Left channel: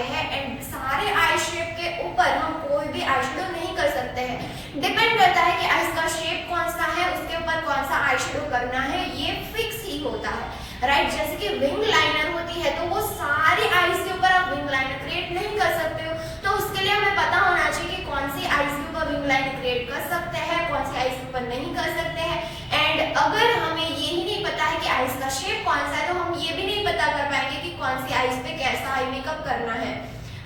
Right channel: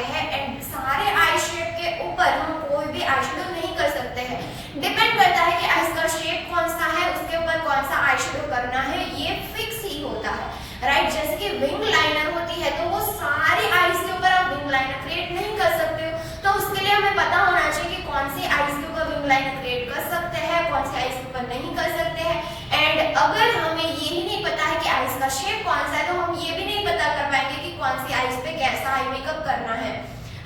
जाते हैं एंड सारे आई शेप के ऊपर हम कोई भी आई शेडो नहीं कर सकते हैं। डिपेंड करता है कि आईज का शेप कौन सा है, उसके ऊपर कौन सा आई शेडो करना है, ये फिक्स ही होता है, राइट। जैसे कि विंग लाइनर होती है तो वो सारी आईज के ऊपर आप विंग लाइनर क्रिएट नहीं कर सकते हो, तो उसके लिए हमें पता होना चाहिए कि कौन सी आईज के ऊपर विंग लाइनर क्रिएट कर सकते हैं, कौन सी आईज के ऊपर नहीं कर सकते हैं। एंड अगर हमें यही नहीं पता है कि आईज का शेप कौन सा है तो हम ये भी नहीं पता कर पाएंगे कि कौन सी आईज पे कैसा आई मेकअप करना है,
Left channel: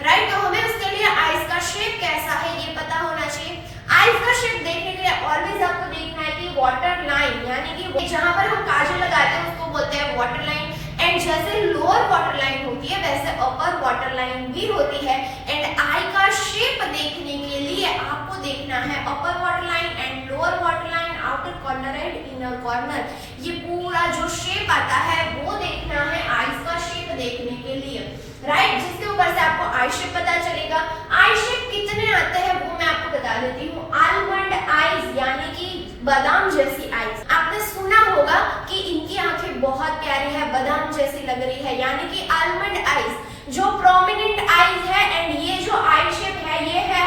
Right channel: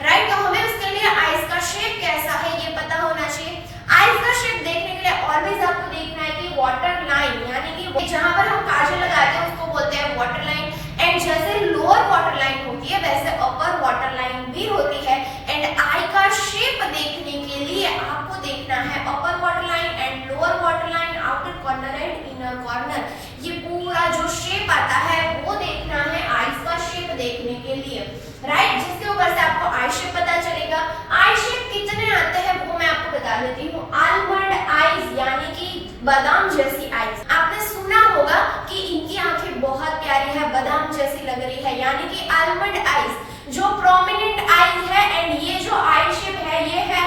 राइट। तो हमें उसके लिए आईज का शेप कैसा है ये पता होना चाहिए। आईज का शेप देखने के लिए ऑलवेज आपको देखना है कि वाटर लाइन, यानी कि जहां पर हम काजल लगाते हैं उसको बोलते हैं वाटर लाइन। एंड जैसे लोअर वाटर लाइन होती है वैसे अपर वाटर लाइन भी होती है। एंड आई का शेप देखने के लिए आपको देखना है अपर water line and lower water line, outer corner and inner corner, ये पूरा जो शेप आता है वो देखना है आईज का शेप देखने के लिए, राइट। जिसके ऊपर से आपको आई शेप पता चलेगा। आई शेप कितने आते हैं वो मैं आपको बता देती हूँ। आलमंड आईज यानी कि बादाम जैसी आईज, आपने सुना होगा कि इनकी आंखें बहुत प्यारी है, बादाम जैसी लग रही है, यानी कि आलमंड आईज जो प्रोमिनेंट आईज है। एंड ये जो आई शेप है ये है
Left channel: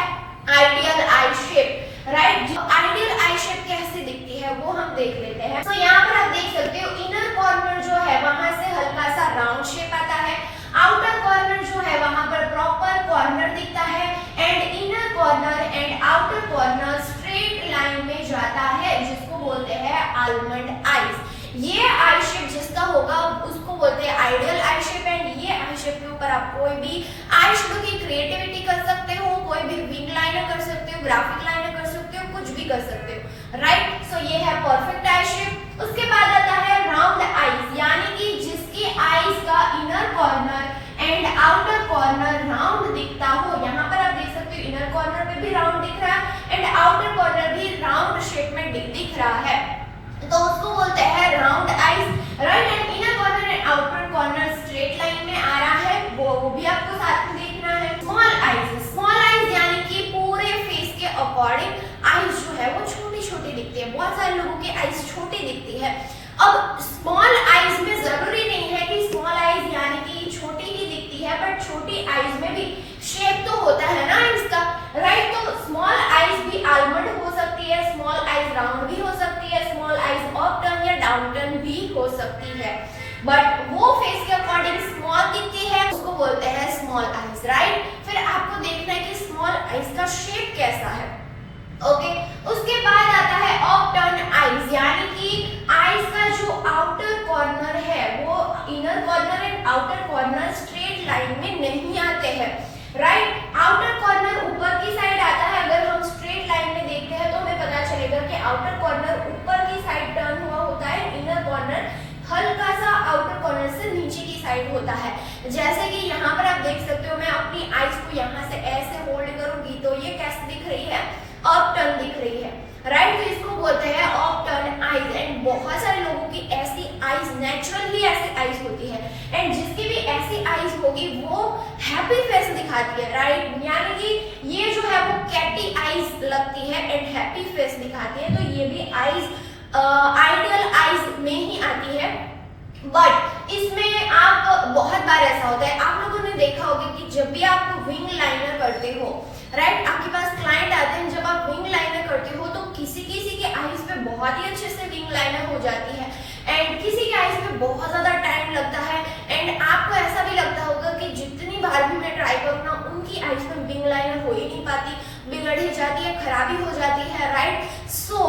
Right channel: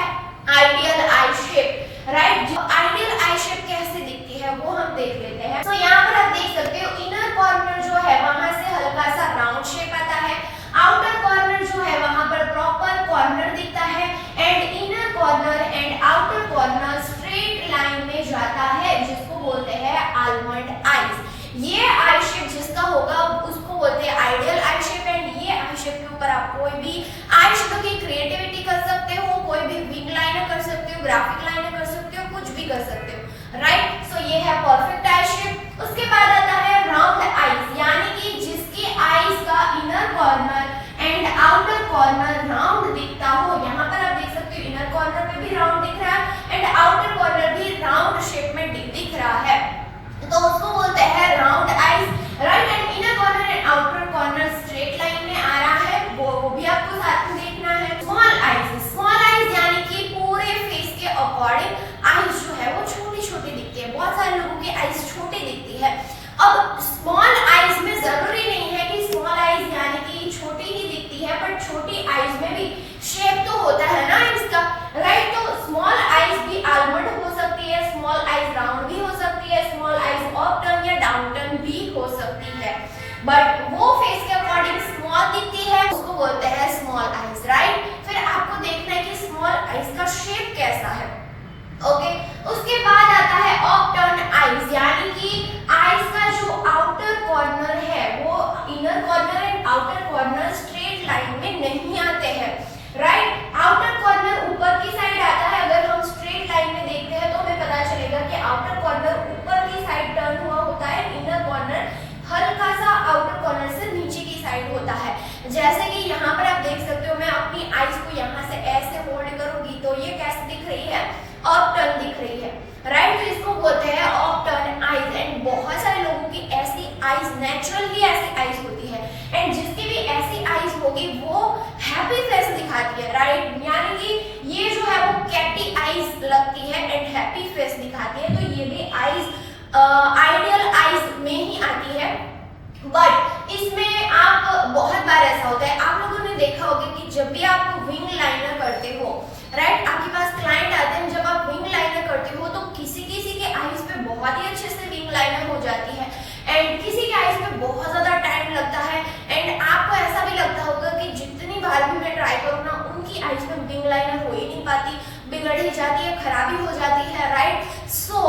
आइडियल आई शेप, राइट। जो आइडियल आई शेप कैसे दिखती है वो हम देख लेते हैं। तो यहाँ पर आप देख सकते हो इनर कॉर्नर जो है वहां से हल्का सा राउंड शेप आता है, आउटर कॉर्नर जो है वहां पर प्रॉपर कॉर्नर दिखता है and inner corner and outer corner straight line में जाता है, जिसको बोलते हैं आलमंड आईज। ये आई शेप जिसका होगा उसको बोलते हैं आइडियल आई शेप। एंड ये आई शेप के ऊपर आप कोई भी आई शेडो की क्रिएटिविटी कर सकते हो, कोई भी विंग लाइनर कर सकते हो, ग्राफिक लाइनर कर सकते हो, कुछ भी कर सकते हो, राइट। सो ये है परफेक्ट आई शेप। उसके बाद आता है राउंड आईज, यानी कि जिसकी आईज का inner corner and outer corner round दिखता हो। यहाँ पर आप देख सकते हो इनर कॉर्नर में भी राउंड दिख रहा है एंड आउटर कॉर्नर भी राउंड शेप में दिख रहा है, तो उसको बोलते हैं round eyes, right. And inner corner and outer corner straight line में आ रहा है, वो भी आपको साथ में देखना है। स्मॉल आईज, स्मॉल आईज यानी कि पूरे फेस के अकॉर्डिंग आईज जो है वो छोटी छोटी दिखती है। बहुत सारे लोगों की आईज छोटी दिखती है। अब स्मॉल आईज में जरूरी नहीं है कि स्मॉल आईज यानी कि छोटी ही दिखती है, बट छोटी आईज में भी शेप तो होता है ना इसका, राइट। तो स्मॉल आईज भी आलमंड हो सकती है, स्मॉल आईज राउंड भी हो सकती है, स्मॉल आईज अप टर्न या डाउन टर्न भी हो सकती है, बट वो फेस के अकॉर्डिंग स्मॉल दिखती है, उसको बोलते हैं स्मॉल आईज, राइट। फिर आपको देखना है कि स्मॉल आईज का शेप कैसा है, ओके। उसके बाद आता है अप टर्न आईज, यानी कि आईज का जो आउटर कॉर्नर है वो inner corner and outer corner straight line में नहीं आते हैं, राइट। आउटर कॉर्नर ऊपर की साइड आता है। अगर हम स्ट्रेट लाइन में देखते हैं तो हमें पता चलेगा कि आउटर कॉर्नर ऊपर की साइड टर्न हुआ होता है, इनर कॉर्नर हल्का सा आउटर कॉर्नर से नीचे की साइड होता है। जैसे कि यहाँ पर आप देख सकते हो, मैं अपनी आईज को यहाँ से ऐसे होल्ड करूंगी तो ये कैसे दिख रही है, अप टर्न दिख रही है, राइट। तो इसको बोलते हैं अप टर्न आईज। एंड बहुत सारे लोगों की ऐसी आईज नेचुरली ऐसी आईज होती है एंड जिसकी भी ऐसी आईज होगी वो हैप्पी फेस दिखाती है, राइट। यानी कि ये जो है वो कैटी आईज लगती है एंड हैप्पी फेस दिखाती है, तो ये भी आईज आइडियल आईज में ही आती है। बट इसमें आप बहुत बार ऐसा होता है, आप लोगों ने देखा होगा कि जब भी आप विंग लाइनर करते हो, राइट, आपके पास क्लाइंट आते हैं, जब आप विंग लाइनर करते हो तो किसी किसी के आईज पे बहुत ही अच्छे से विंग लाइनर हो जाती है एंड किसी के आईज पे बहुत ज्यादा टाइम लगता है। एंड आपको ऐसा भी लगता होगा कि जितनी बार भी मैं ट्राई करूँ ना उनकी आईज पे विंग लाइनर हो ही नहीं पाती, बिगड़ ही जाती है, खराबी हो जाती है, राइट। सो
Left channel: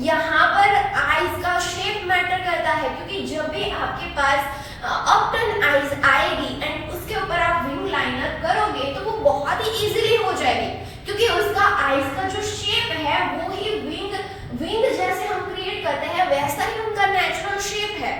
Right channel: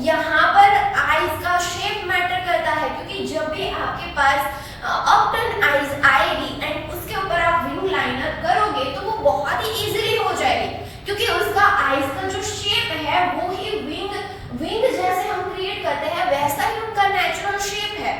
यहाँ पर आईज का शेप मैटर करता है, क्योंकि जब भी आपके पास अप टर्न आईज आएगी एंड उसके ऊपर आप विंग लाइनर करोगे तो वो बहुत ही इजीली हो जाएगी, क्योंकि उसका आईज का जो शेप है वो ही विंग जैसे हम क्रिएट करते हैं वैसा ही उनका नेचुरल शेप है।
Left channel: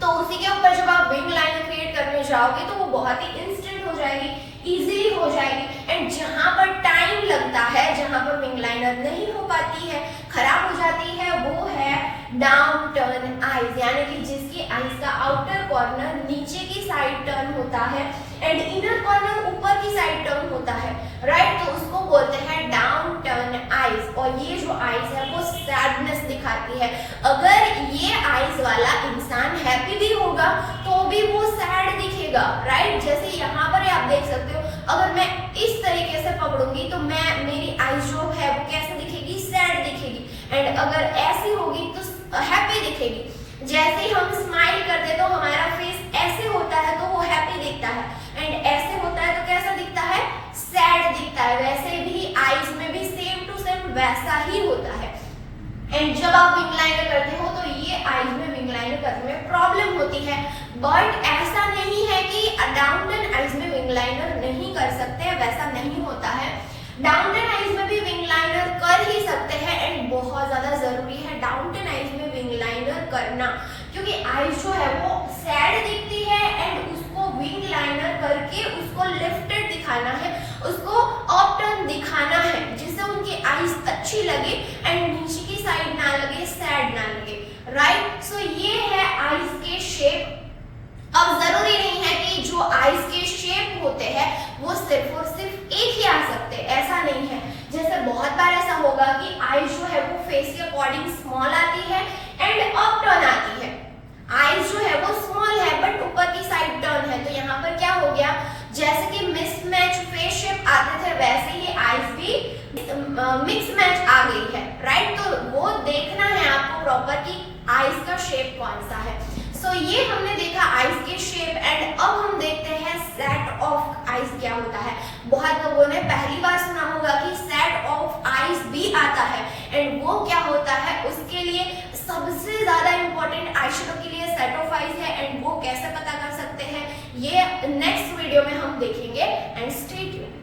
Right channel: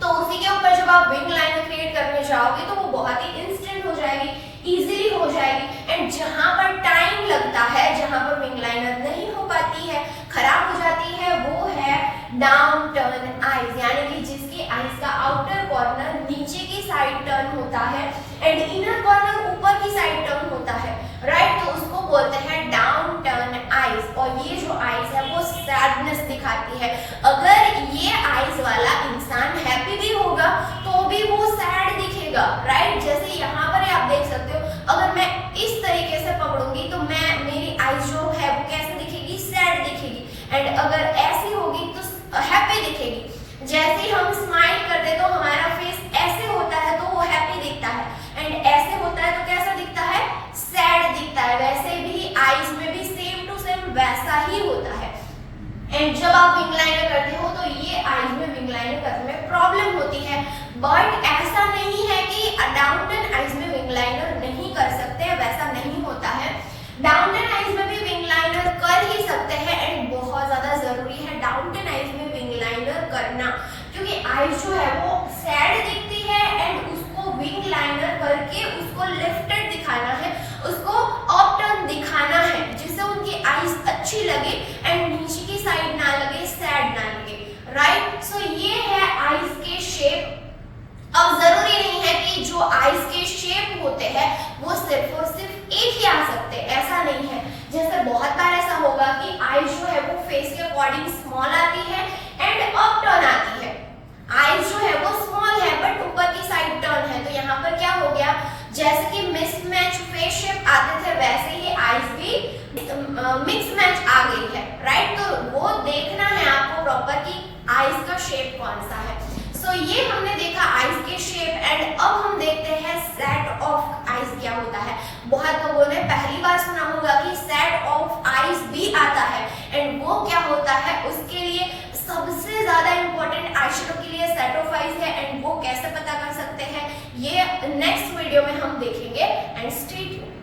तो उसी के ऊपर जब आप विंग लाइनर क्रिएट करने जाओगे तो वो बहुत ही इंस्टेंट हो जाएगी, इजीली हो जाएगी। एंड जहां पर टाइम लगता है, जहां पर विंग लाइनर नहीं हो पाती है, खराब हो जाती है, वो है डाउन टर्न आईज, यानी कि जिसकी आईज का आउटर कॉर्नर नीचे की साइड टर्न होता है एंड इनर कॉर्नर ऊपर की साइड टर्न होता है, राइट। तो उसको बोलते हैं डाउन टर्न आईज। और ये जो आईज है वो सैडनेस दिखाती है। अगर ये आईज वाला इंसान हैप्पी भी होगा तो भी वो सैड दिखेगा, राइट। जैसे यहाँ पर आप देख सकते हो अगर मैं इस तरीके से पकड़ूंगी तो मेरी आईज जो है वो कैसे दिखेगी, सैड दिखेगी। एंड अगर ऐसी होगी तो हैप्पी दिखेगी। जैसे ही हम स्माइल करते हैं तो हमारा फेस ऐसे होता है तो वो हैप्पी दिखता है, एंड ऐसे होता है तो कैसा दिखता है, सैड दिखता है। वैसे भी आईज में भी सेम टू सेम वैसा ही होता है। एंड जब आप विंग लाइनर करते हो तो ये आईज में विंग लाइनर करने में प्रॉब्लम होती है, बट ऐसा नहीं है कि डाउनटन आईज में विंग लाइनर नहीं कर सकते हैं, वैसा नहीं होता है। डाउनटन आईज में भी विंग लाइनर कर ही सकते हैं, एंड बहुत ज्यादा जरूरी है डाउनटन आईज में विंग लाइनर करना, क्योंकि आईज जो है वो सैड दिखती है एंड उसको विंग लाइनर करके उसको लिफ्टेड दिखाना है, उसको अपटर्न दिखाना है, जिससे उनकी आईज अच्छी लगे एंड नीचे की साइड ना लगे, सैड ना लगे, राइट। सो ये है आईज के शेप। अब जरूरी नहीं है कि जो आईज के शेप होते हैं वो सिर्फ और सिर्फ एक ही आ सकते, ऐसा नहीं है। जैसे बहुत बार ऐसा होगा कि आईज जो है वो फेस के अकॉर्डिंग स्मॉल आती है एंड अप टर्न आती है। आईज जो है वो स्मॉल है बट ऊपर की साइड टर्न है, तो यहाँ पर क्या हो गया, जैसे कि मिसमैच फेस शेप आते थे वैसे ही आईज भी मिक्स मैच आ गई है, राइट। तो वो देखना है आपको प्रॉपर कि आईज का शेप कौन सा है। सो ये हमने देखा आईज के शेप, एंड अब हम देखते हैं सेट ऑफ आईज क्या होता है। बहुत लोगों ने पहली बार सुना होगा कि सेट ऑफ आईज भी आता है, एंड वो क्या होता है, उसके लिए सबसे ज्यादा इंपॉर्टेंट आईशैडो के लिए सेट ऑफ आईज है, एंड वो कैसे पता कर सकते हैं ये नेक्स्ट वीडियो में हम देखेंगे। And stay tuned.